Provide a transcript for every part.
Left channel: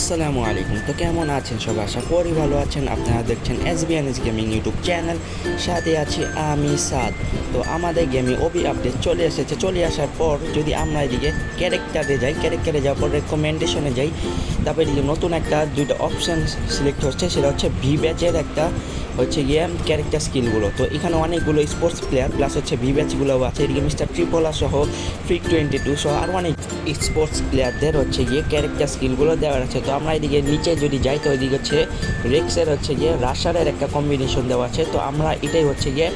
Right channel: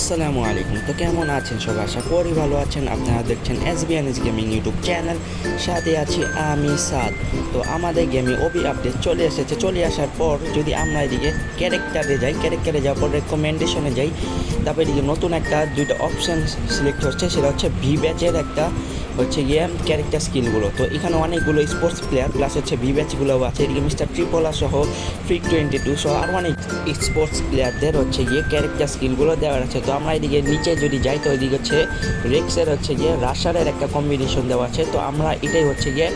আসসালামু আলাইকুম। তো কেমন আছেন সবাই? আশা করি ভালো আছেন। আপনারা দেখছেন এসবিএনএস গেমিং ইউটিউব চ্যানেল, সাথে আছি আমি সাদ। তো আমাদের গেমে ওবি আপডেট চলে এসেছে। চলে আসার পর যদি আমরা এদিকে ক্যারেক্টারে যাওয়ার পর রেকমেন্ডেশনে যাই, তারপর এদিকে নতুন একটা দুইটা অপশান সিলেক্ট হচ্ছে, সেটা হচ্ছে ভি ব্যাচের একটা হচ্ছে গিয়ে ক্যারেক্টার স্কিলগুলো। তো এখানে অনেকগুলো স্পোর্টস প্লেয়ার প্লাস হচ্ছে ভি ব্যাচগুলোও আছে। এদিকে মিস্টার ট্রিপোলা সহ ফ্রিক 22 সহ আর অনেক স্পোর্টস প্লেয়ারদের হচ্ছে গিয়ে ক্যারেক্টার স্কিলগুলো দেওয়া আছে। তো আমরা এদিকে নিচে যদি যাই, তো ওইদিকে হচ্ছে রেক্সের হচ্ছে গিয়ে রাশারের একটা কম্বিনেশন দেওয়া আছে। তো আমরা এটাই হচ্ছে গিয়ে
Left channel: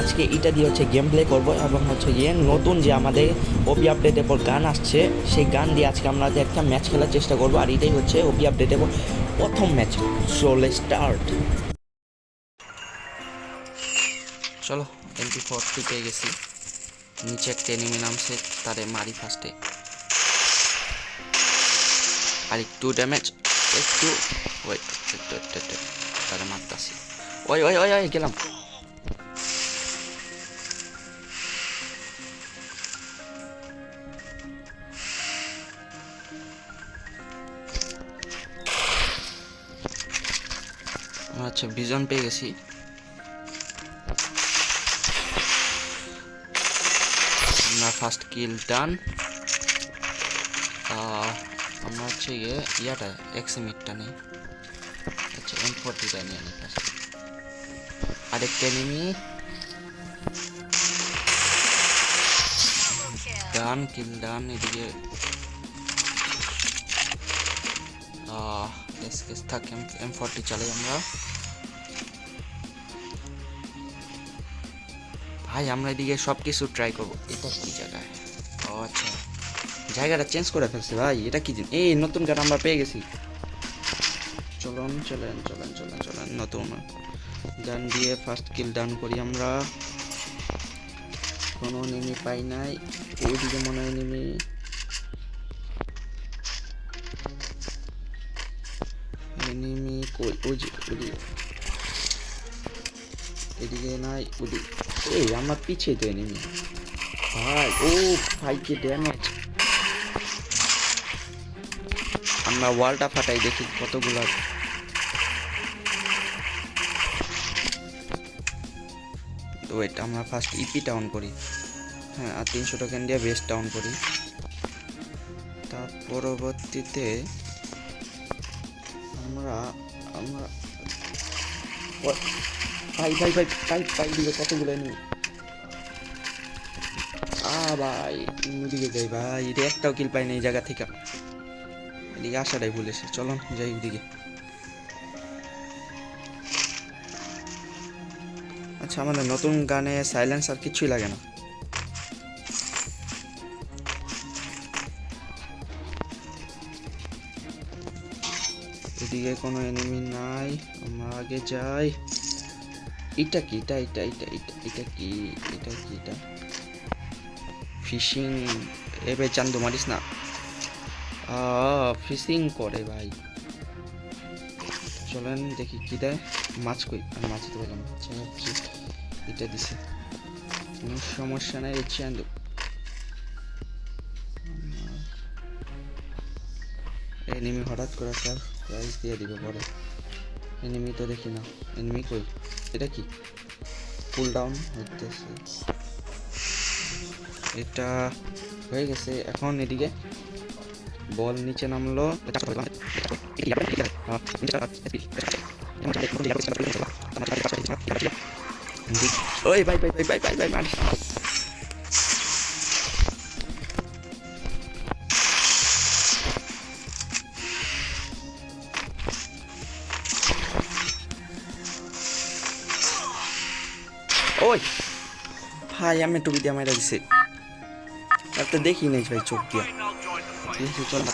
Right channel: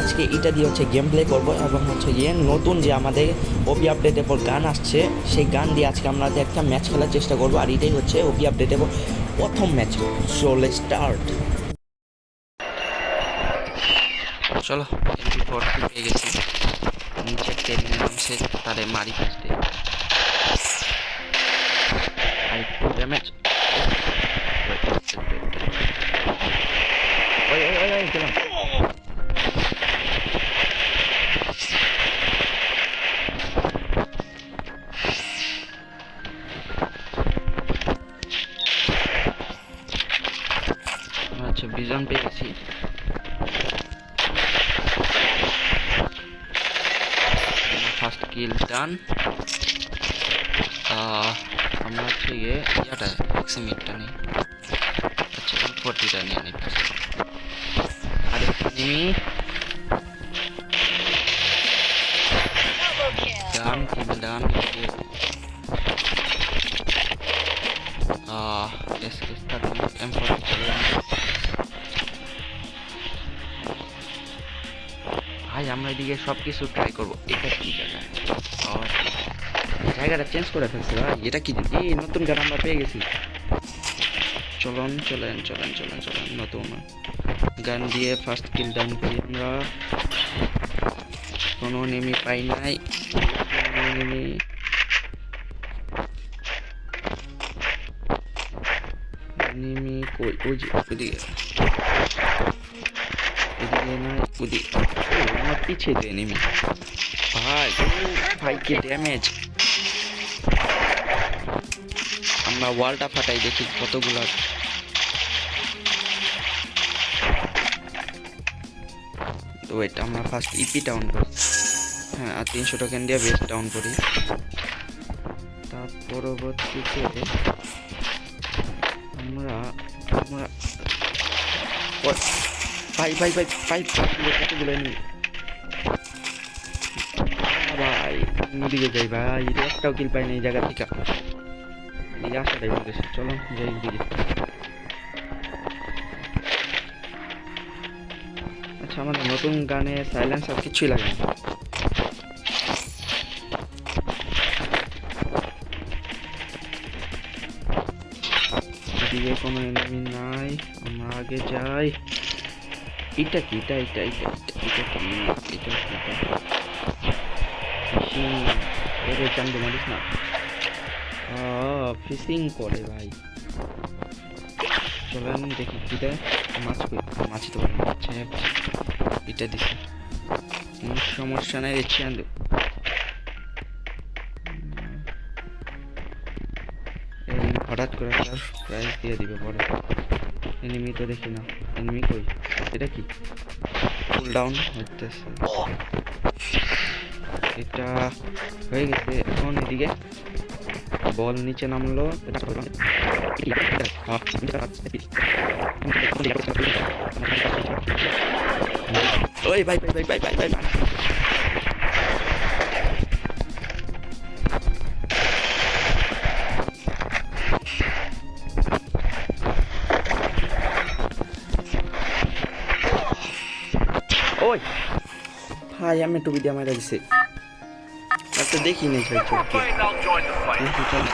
আজকে এটা দিয়ে হচ্ছে গেম প্লে করবো, এবং হচ্ছে গিয়ে নতুন যে আমাদের ওবি আপডেটের পর গান আসছে, সেই গান দিয়ে আজকে আমরা একটা ম্যাচ খেলার চেষ্টা করবো। আর এটাই হচ্ছে ওবি আপডেটের পর প্রথম ম্যাচ। চলে স্টার্ট। চলো, MP4 পেয়ে গেছি। নিচে ট্রেনিং নামছে, তারে মারি ফার্স্টে। আর একটু ড্যামেজ, একটু ওই ওই ওই ওই গেলাম। আচ্ছা, বিজন পেয়ে গেছি। ফার্স্ট কিল ডান। আমরা হচ্ছে গিয়ে ইয়াটা এক্সিমিটটা নেই। আচ্ছা, M40টা নিয়ে নিই। আরেকটা নিমি ডান, কিল ডান। এদিকে এসকেস থাকুন, M40 চলে আমরা। ভাই আমরা এদিকে সব কিছু ট্রাই করবো। এটা কি জায়গা? ও আচ্ছা, জায়গাটা চেঞ্জ করে ফেলছে ভাই। এটা কি জিনিস? এই নতুন গান আমরা পেয়ে গেছি। চলেন চলেন চলেন চলেন চলেন, নতুন গান দিয়ে ফার্স্ট কিল ডাউন করি আমরা। কোনো নেমি পাই নাই। নেমি নেমি কই? ওই যে ওদিকে, এদিকে নাই, ওদিকে। ও আমার পিছিয়ে তো নেমি ভাই। ও ভাই, কি ড্যামেজ! আমরা ওয়ালটা ফাটাই, দেখি কতগুলা। তো এটা আমরা ফার্স্ট ইপি ডাউন করি। হ্যাঁ, আর 300 টোকেন দিয়ে বেস ডাউন করি। তার পরবর্তীতে আমরা আমরা ভাই ভাই ভাই ভাই ভাই দিলে কতগুলো নেই। ভাই ওদিকে যাই ভাই, এটা একটাও কিল পাই না এই জায়গা থেকে। এদিকে আসাটাই ভুল গেছে। চলো যাই ওদিকে। আচ্ছা, আমাদের নতুন গানে সাইলেন্স আর কিছুই লাগে না। এদিকে কোনো এনিমি নাই, আমরা আগে যাই। এটা কি? এটা এটা এটা এটা এটা কি? এটা কি? এটা ফিশিং। এরে চান্দু মারিস না। ফিশিং করে ভাই। চলেন দেখি কি দেয়। মাছ কই? মাছই তো বলেন। আচ্ছা, এটা দিছে, সমস্যা নাই। চান্দু এনিমি হঠাৎ করে স্যার প্রাইজ দিয়ে দিবে পরে। এনিমি তো দেখি না। এনিমি কই? এটা কি? কুল ডাউন হইতেছে। এটা হয়ে গেছে। এখন এদিকে বল নিচে নামলো। ওই ভাই ভাই ভাই ভাই ভাই ভাই মার। ওই ভাই, আমি টুপি দিয়ে মারা দিছে। একটা দেখি নাই ভাই, চোখ দিয়ে দেখি। চল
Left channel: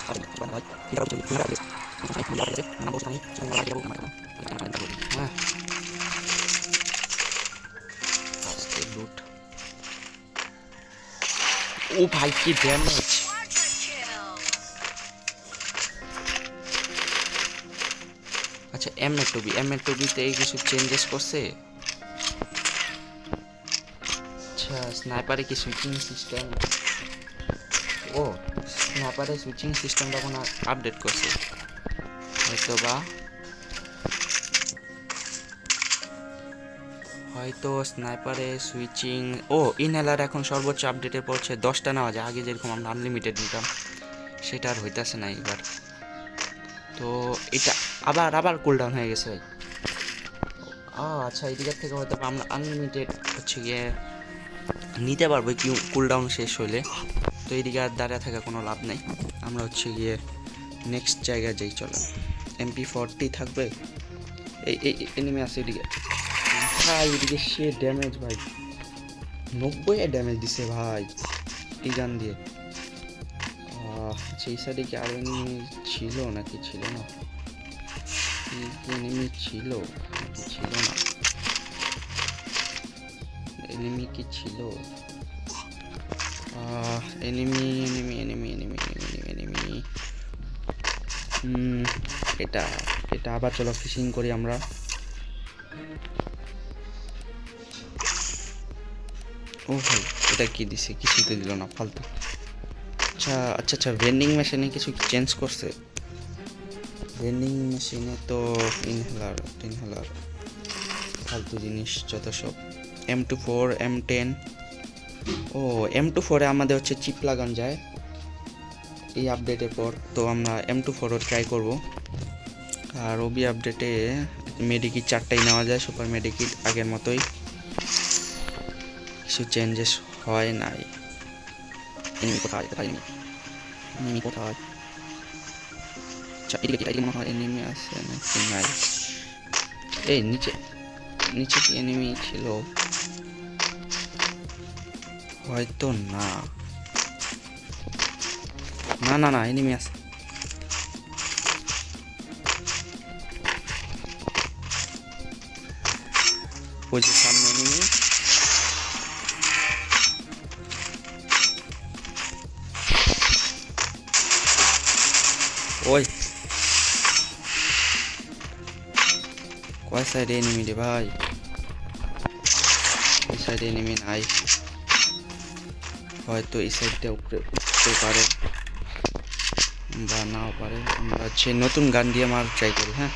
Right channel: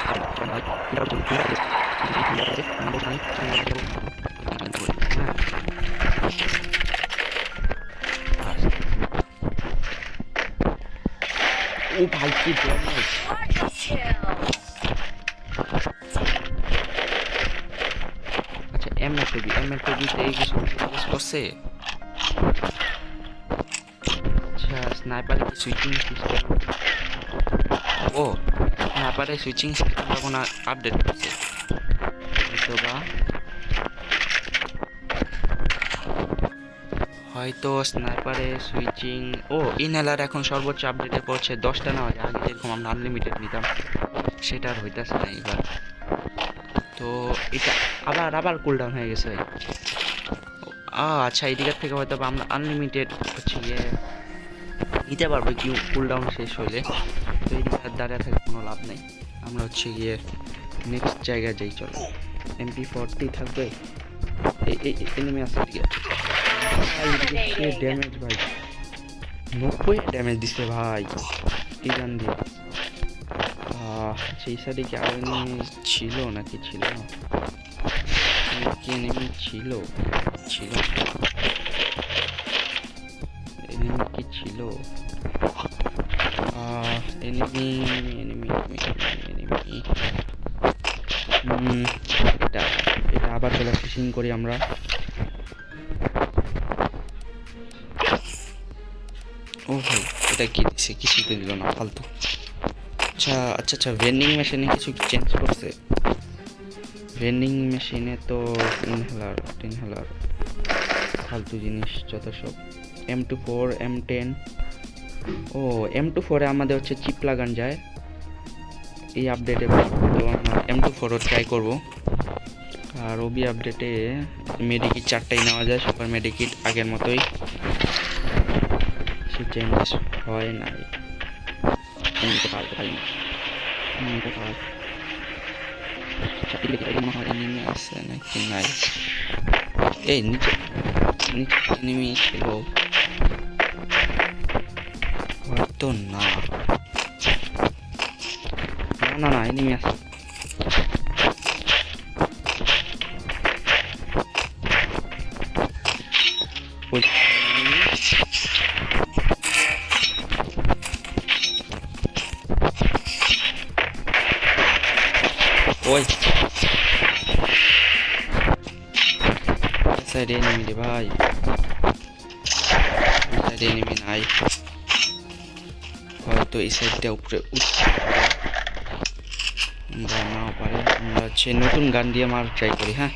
ও ভাই, কি ড্যামেজ! আচ্ছা, এম এ টুবিতে এই কিছু চেঞ্জেস করছে। আচ্ছা, স্নাইপারে কি সুইচিং সিস্টেম? ও, স্নাইপারে সুইচিং সিস্টেমটা কোনো আপডেট করছে। হয়তো স্নাইপারে সুইচিং ইনহেলার এখন সর্বোচ্চ আপডেটে পড়ছে 10টা নেওয়া যায়। আগে যেরকম আমরা আনলিমিটেড নিতাম সেটা আর হইতাছে না এবার। তো এটা আবার আবার কুলডাউন হয়ে গেছে ভাই। আচ্ছা, এই দিকের থেকে হয়তো আমরা আনলিমিটেড হচ্ছে গিয়ে নিতে পারবো কি কুলডাউন শেষ হইলে। তো এইদিকে আর দাঁড়িয়ে থাকা কোনো লাভ নেই, আমরা হচ্ছে গিয়ে নেক্সট জায়গায় যাই। চলো, MP40 থাকবে। এই এনিমি আছে এদিকে। ভাই এদিকে সে ড্যামেজ ভাই 90 ড্যামেজ দিছে ভাই এই গান দিয়ে। সেই সাইডে কি আর এনিমি ছিল নাকি ছিল না? কি এনিমি ছিল এনিমি কি ছিল? এনিমি এটা আবার চলো ফিশিং করি আমরা। ও ভাই এটা কি দিছে? কিছু তো দিল না, ফালতু। আচ্ছা, ভেন্ডিং মেশিনে কিছু চেঞ্জ করছে। ভেন্ডিং মেশিনে তো ইনহেলার ফালতু জিনিস যত সব। M24 M10 M24 আমাদের হচ্ছে চিপ লাগান যায় এই আপডেটের পর। তো আমরা M24 ট্রাই করব। আর ওবি আপডেটে মেডিকিট 4টাই নেওয়া যায়, সুপার মেডিকিট আগের মতোই, কিছু চেঞ্জেস হয় নাই। কোথায় আচ্ছা, এদিকে মনে হয় এনিমি আছে নাকি নাই? এই নিচে কি এনিমি ছিল? হয়তো না, এনিমি আছে। ওই সামনে এনিমি। ওই সাইডে এনিমি রে ভাই, ওই সাইডে এনিমি নাই। হয়তো এই সাইডটা উপরে উঠতে পারে বা নাও পারে। আমরা হচ্ছে নতুন গান দিয়ে মার ট্রাই করি। হ্যাঁ,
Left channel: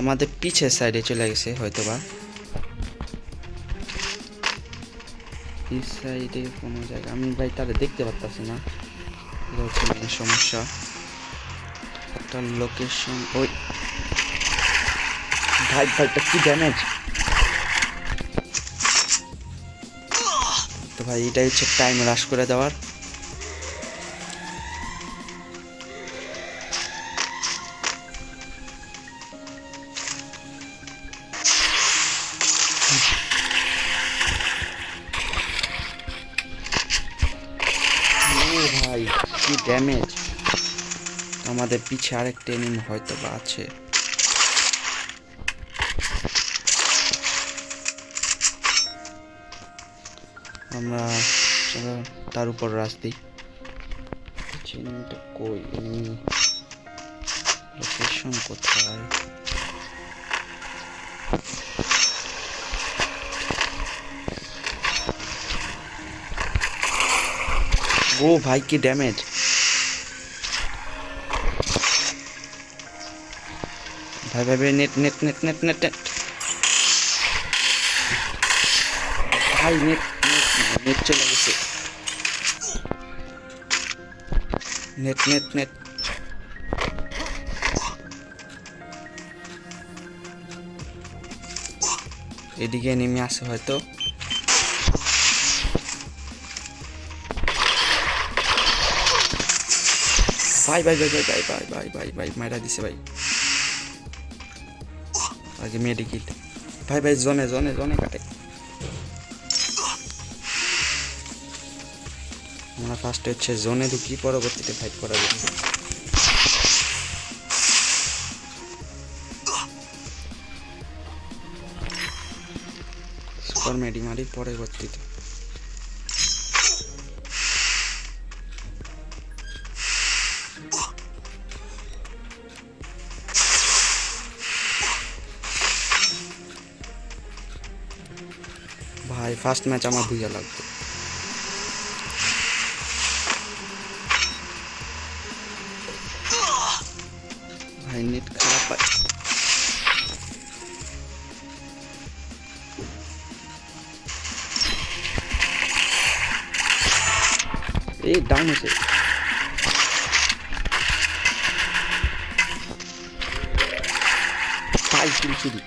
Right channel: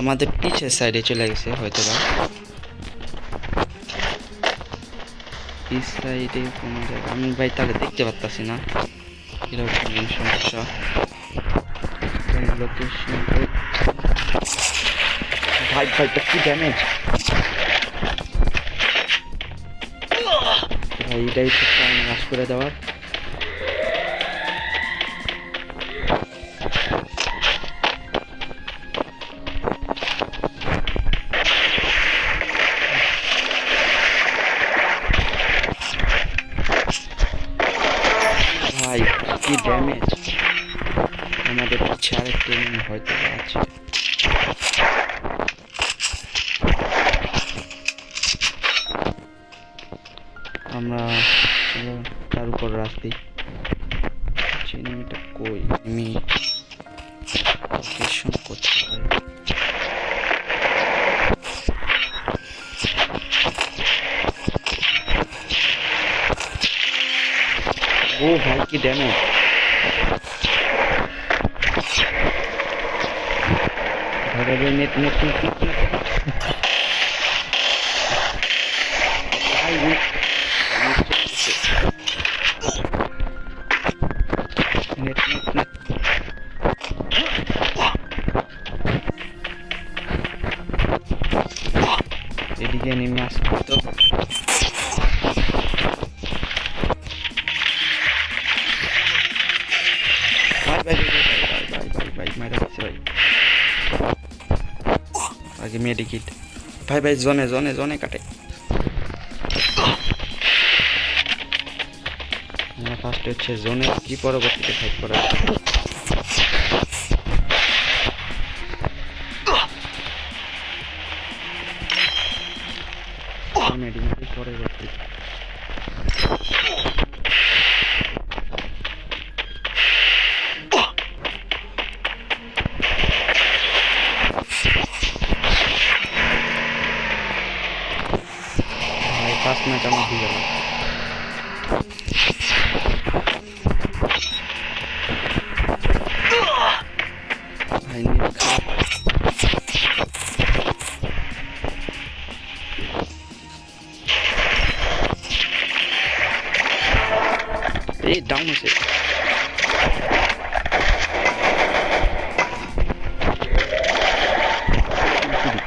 আমাদের পিছের সাইডে চলে গেছে হয়তো বা। পিছ সাইডে কোনো জায়গা আমি ভাই তাহলে দেখতে পারতাছি না, এটা হচ্ছে মেন সমস্যা। লোকেশন ওই ভাই কি ড্যামেজ ভাই। এটাই হচ্ছে টাইম রাশ করে দেওয়ার। ভাই কি ড্যামেজ! আমাদের পিছে আরেকটা এনিমি হয়তো বা আছে। আমরা তার উপর রাস্তি। এনিমিটা কই? এনিমি লোকেশন কোথায়? ও ভাই কি ড্যামেজ! ভাই নেট ভাই নেট চলে গেছে। নেট এদিকে নেমে আসে হয়তো। ভাই মাইরা দিছে ভাই। আগে মেডিকিট ভাই জোনে কাটে। আমরা ফার্স্টে হচ্ছে জোনে ঢুকি, পরবর্তীতে ফাইট করা যায়। সুপার মেডি পরবর্তীতে। ভাই ফার্স্ট ম্যাচ আমার দিকে লাগবে। ভাই নেট খারাপ আছে। এই ডাউন হয়েছে। পাঁচ দিন শুধু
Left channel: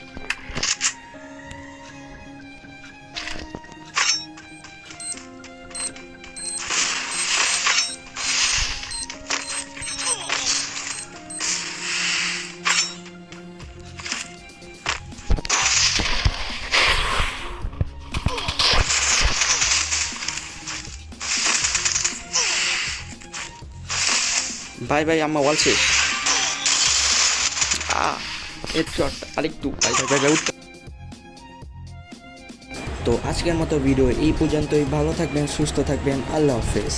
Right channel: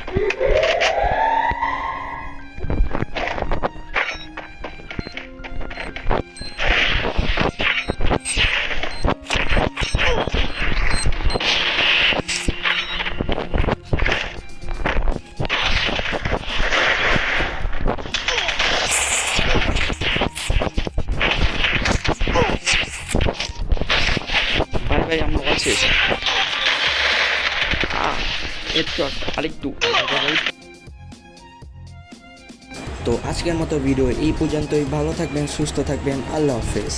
ভাই ভাই আমার ওয়াল শেষ। একটু আরেকটু। তো আজকের মতো ভিডিও এই পর্যন্তই। ভালো থাকবেন, সুস্থ থাকবেন, আল্লাহ হাফেজ।